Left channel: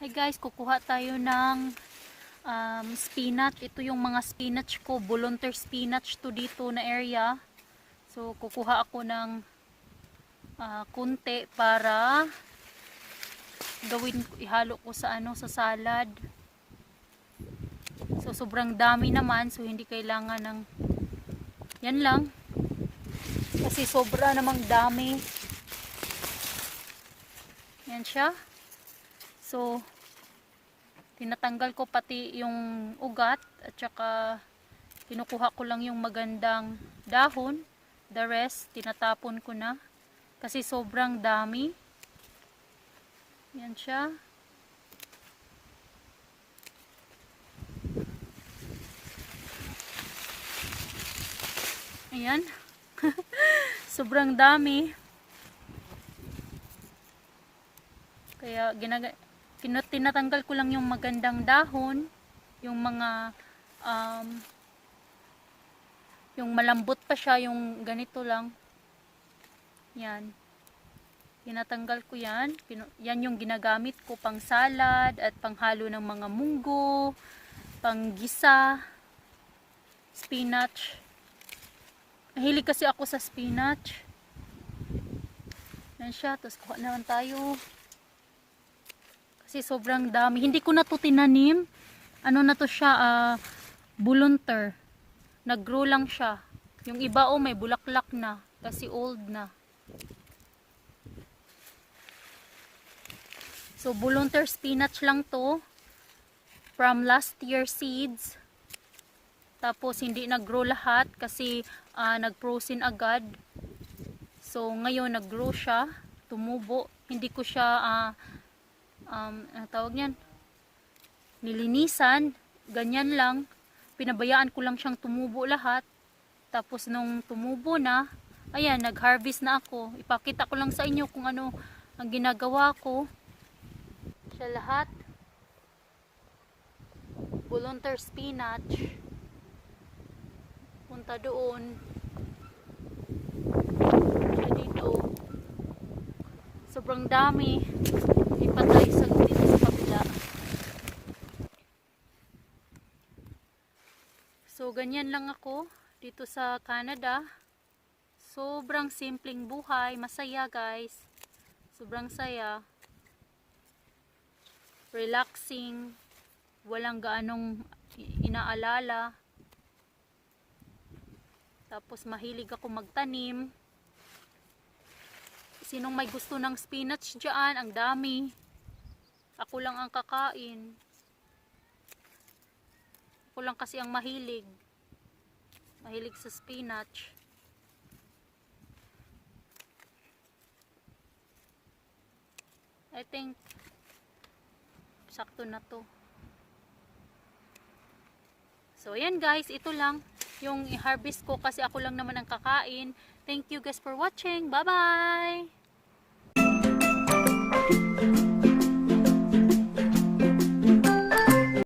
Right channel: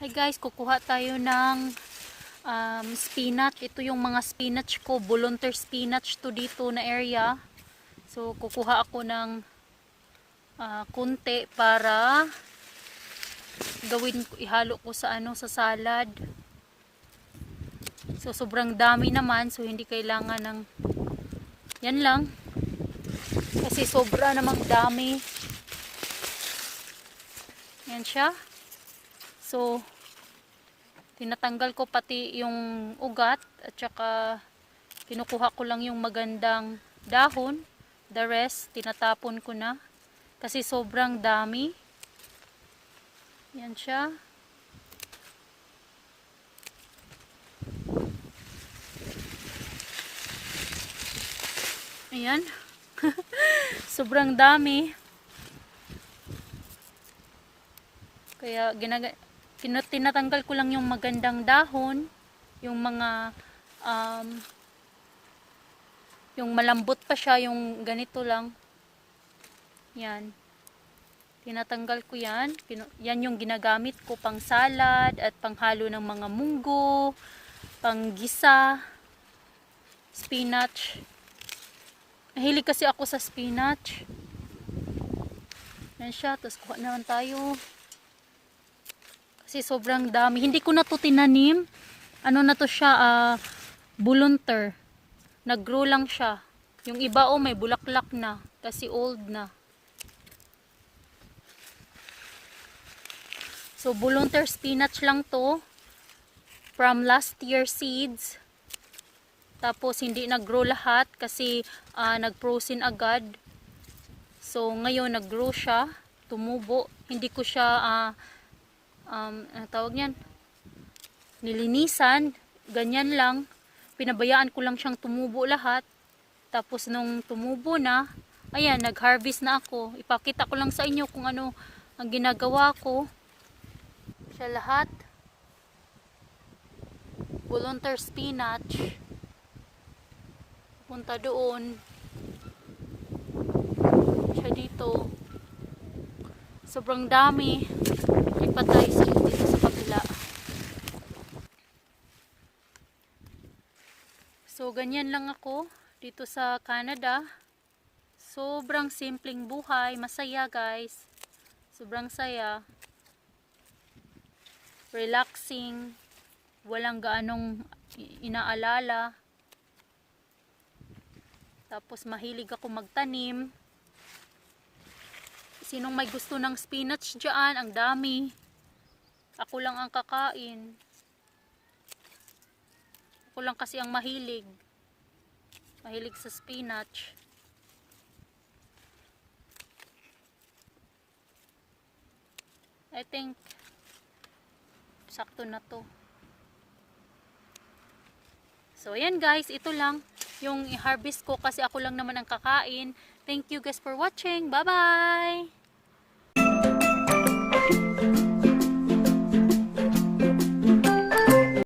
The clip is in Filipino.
Hi guys, kukuha tayo ng spinach. Ito yung mga spinach ko, volunteer spinach to dito na area. So kukuha ako ng kunti para ihalo ko sa sa salad. So sobrang dami naman, so hindi kailangan ng yan lang. Kasi sobra namang dami. Yan siya. So tinatanggal ko pati yung ugat at saka kinukuha ko lang yung magandang dahon. The rest tinatapon ko na kasi sobrang dami. Yan siya. Ayan. Sobrang dami. Kaya tinatanggal ko lang yung magandang dahon, yung mga yung malambot pa siya, yung ganito lang. Yan. Tinatanggal ko yan. Yan yung ginagamit ko pang salad at panghalo ng mga munggo, pang gisa, spinach. Mahilig kasi ako sa spinach. Yan siya. Tapos kuha naman tayo. Kasi sobrang dami. Hindi ko na to tinanim. Ano na to siya, volunteer. Nag-grow lang siya. Yung iba may bulaklak na. Kasi old na. So, volunteer spinach lang to. From last year seeds. Tapos, hindi nag-grow lahat. Kasi, nag-frozen agad. So, ngayon, nag-grow siya. Tumubo. Hindi ko siya, tawag niyan, nilinisan, ganyan lang, pinabayaan ko lang siyang tumubo lahat. Tapos nung tumubo na, ayan, nag-harvest na ako. Ipakita ko lang sa inyo kung ano ang ginagawa ko. Siya lahat, volunteer spinach, punta doon, siya dito, sobrang dami. Ipatay sa dito sa kabila. So, ganyan lang ako dito sa Canada. Sobrang simpleng buhay. Masaya, guys. Sobrang saya. Relaxing. Walang gaanong inaalala. Tapos, mahilig ako magtanim. Sinong may gusto ng spinach dyan? Ang dami. Ako lang ang kakain. Ako lang kasi ang mahilig. Mahilig sa spinach. I think sakto na to. So, ayan guys. Ito lang yung i-harvest ko kasi ako lang naman ang kakain. Thank you guys for watching. Bye-bye!